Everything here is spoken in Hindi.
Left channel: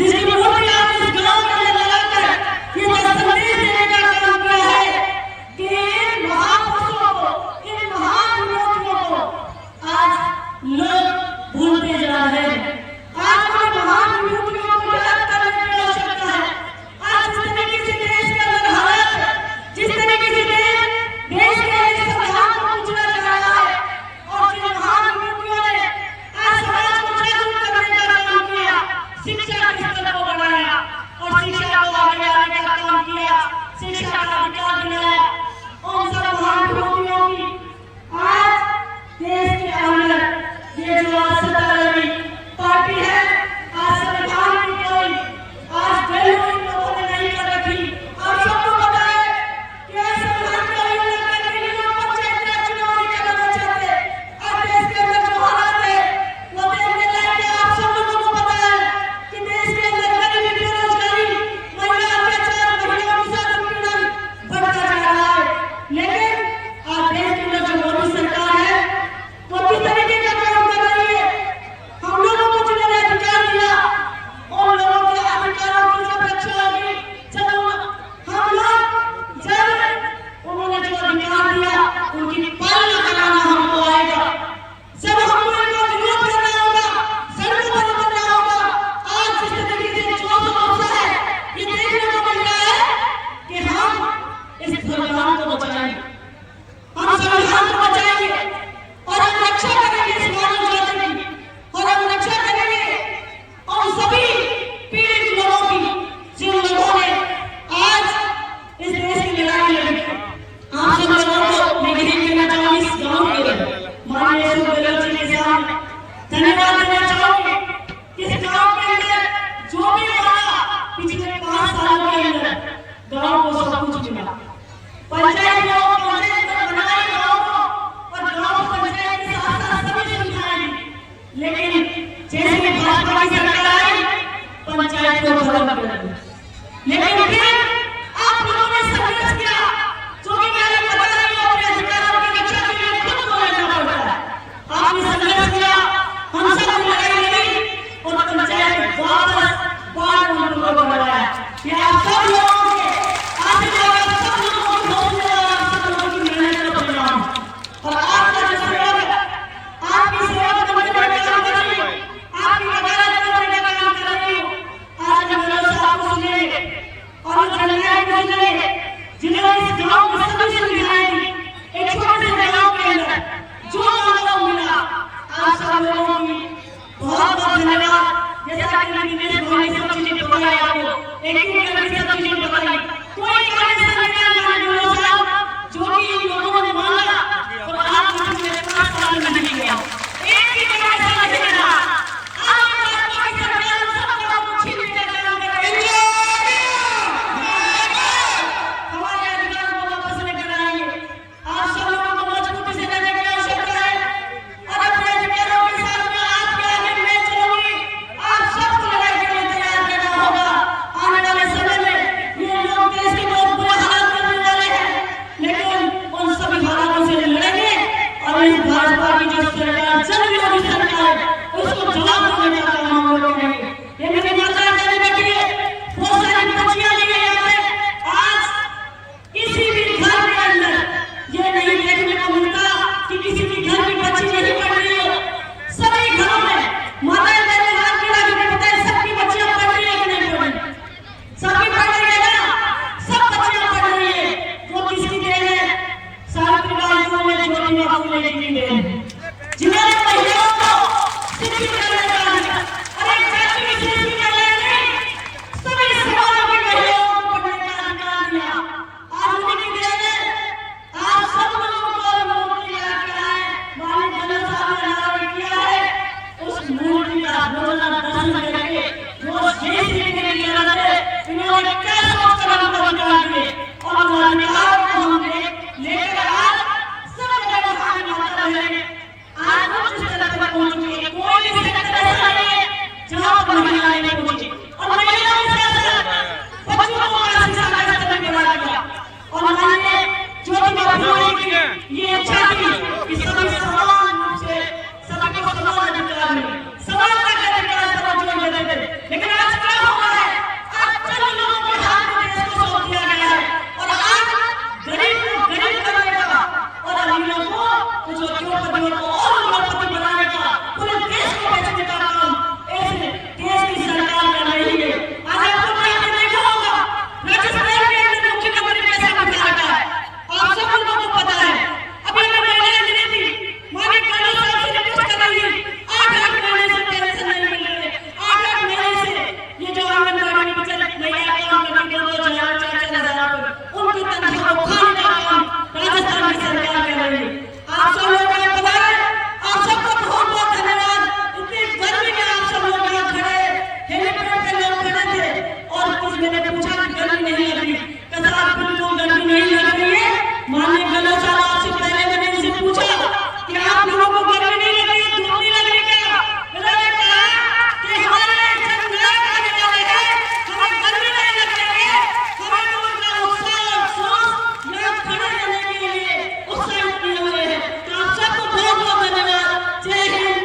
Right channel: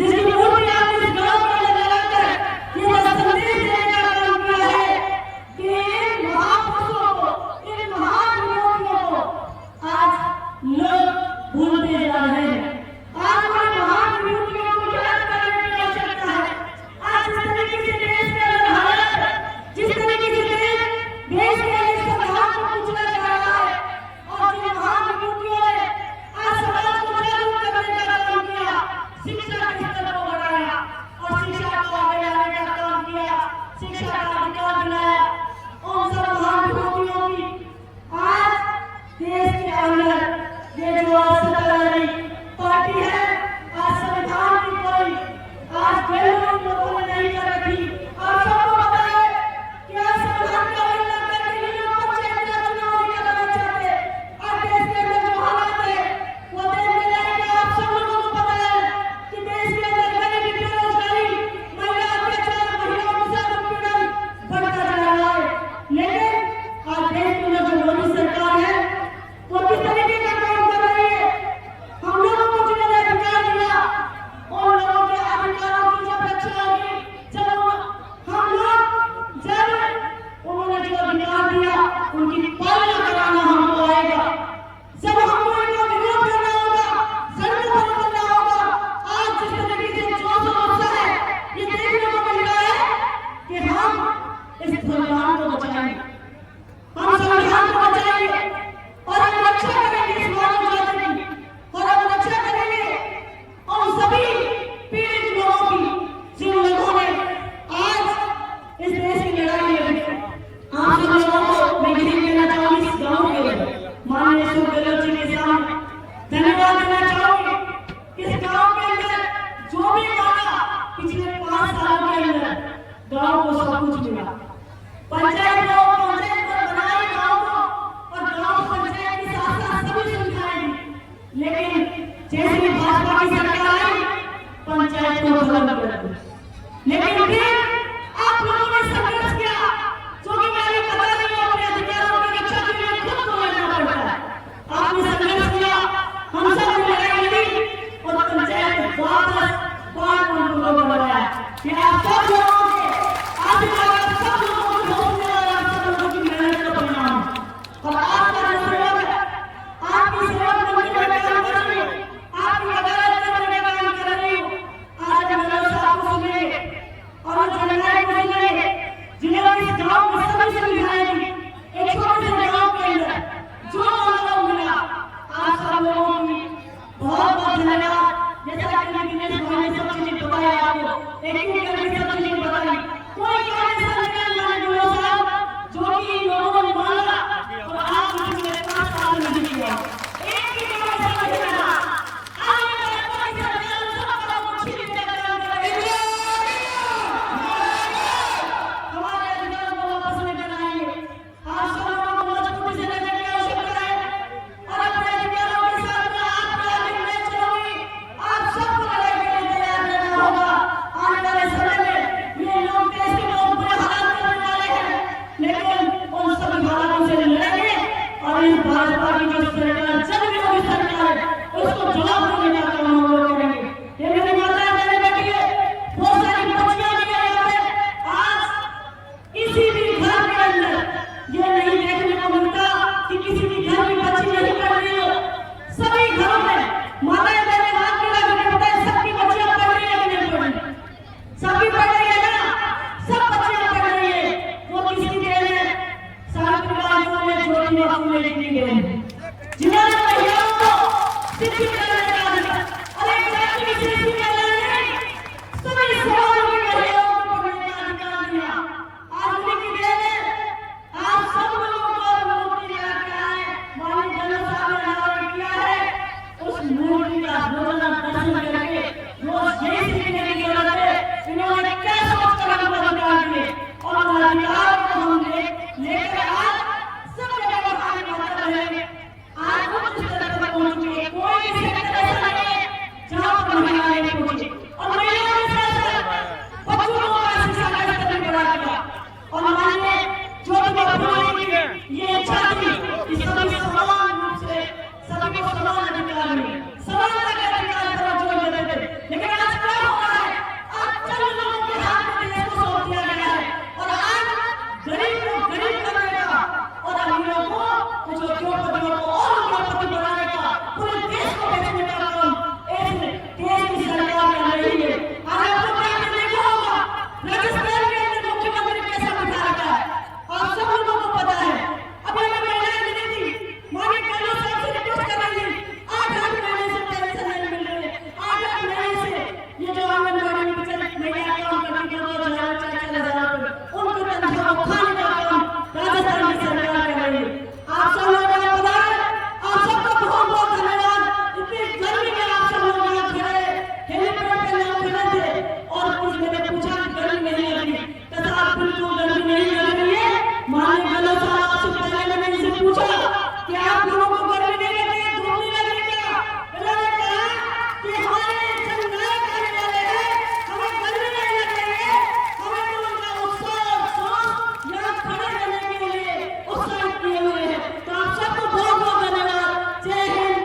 जिसकी मूर्ति आज इस गांव में लगाकर ये संदेश देने का काम किया है कि इन महापुरुषों को, इन महान मूर्तियों को आज लोग भूलते जा रहे हैं। आज उन महान मूर्तियों को याद करने की आवश्यकता है। आज जिस तरीके से देश के अंदर हालात है, जिस तरीके से देश के संविधान को कुचला जा रहा है, और जिन महान मूर्तियों ने आज समाज को जागरूक करने का काम किया, शिक्षा के स्तर को बढ़ाया और शिक्षा को आगे लाने का काम किया, शिक्षा का अधिकार दिलाया, उन सब महान मूर्तियों की आज देश के अंदर ये जो सत्ताधारी पार्टी है, आज संविधान की कोई आज वैल्यू लोगों ने नहीं कर रखी। आप सबको पता है कि आज संविधान का उल्लंघन करके ये लोग पंचायत राज चुनाव नहीं कराना चाहते। आज देश के अंदर जो हालात है वो देखने लायक है। आप सब लोगों को पता है कि देश के अंदर गरीबी, बेरोजगारी, महिला अत्याचार, महिलाओं के साथ उत्पीड़न बढ़ता जा रहा है। लेकिन आज देश के अंदर जो मोदी सरकार है वो किस तरीके का काम कर रही है। हम लोगों को जिन्होंने अधिकार दिया, उन लोगों के अधिकारों की जब रक्षा होगी, जब हम लोग जब उन्होंने जो अधिकार दिया उनकी पालना कराना हमको आएगा। जब हमको इनको विरोध करना होगा, सड़कों पर उतरना होगा। आज जिस तरीके से जो समस्या है ये देखने को मिल रहा है कि हम इस संविधान को बचाएंगे, हम संविधान को बचाएंगे और हम रक्षा करेंगे इस मानव जाति की, और हम रक्षा करेंगे उन सभी पीड़ित लोगों की जिन लोगों ने आज इस देश की लड़ाई लड़ी। आप सब लोगों को मैं यही कहना चाहूंगी, इस गांव के माननीय अशोक गहलोत जी के सामने धन्यवाद देना चाहूंगी। इस गांव के अंदर जो भी माना पिछले 5 सालों के अंदर गांव को सब कुछ मिला। पंचायत बनाई गांव को, और गांव पंचायत के साथ साथ सभी सुविधाएं दी। लेकिन जैसे भाजपा की सरकार आई, पंचायत को खत्म कर दिया। लेकिन